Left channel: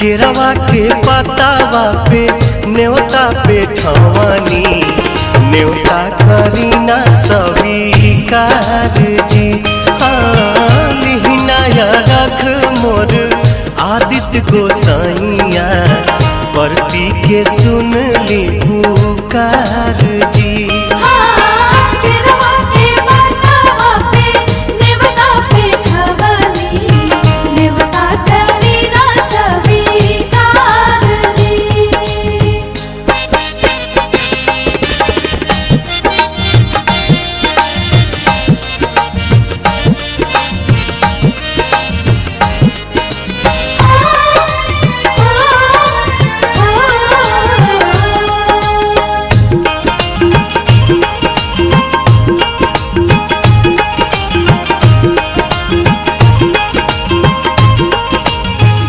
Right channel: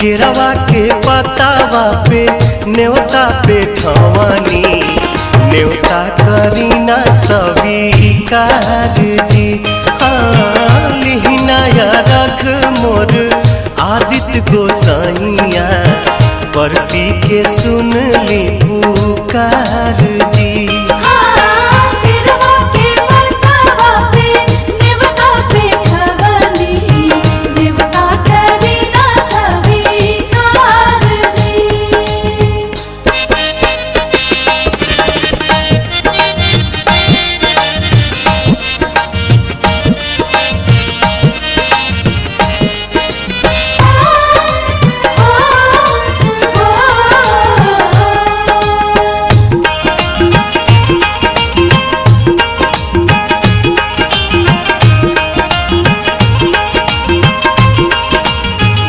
केरवा के पतावा पे न्योता पे ठवानी, न्योता करीना स्वीकार जी। हाँ लिहिना या रख मोर आदित्य गोसाइया, परती के सुन ली पुकार जी।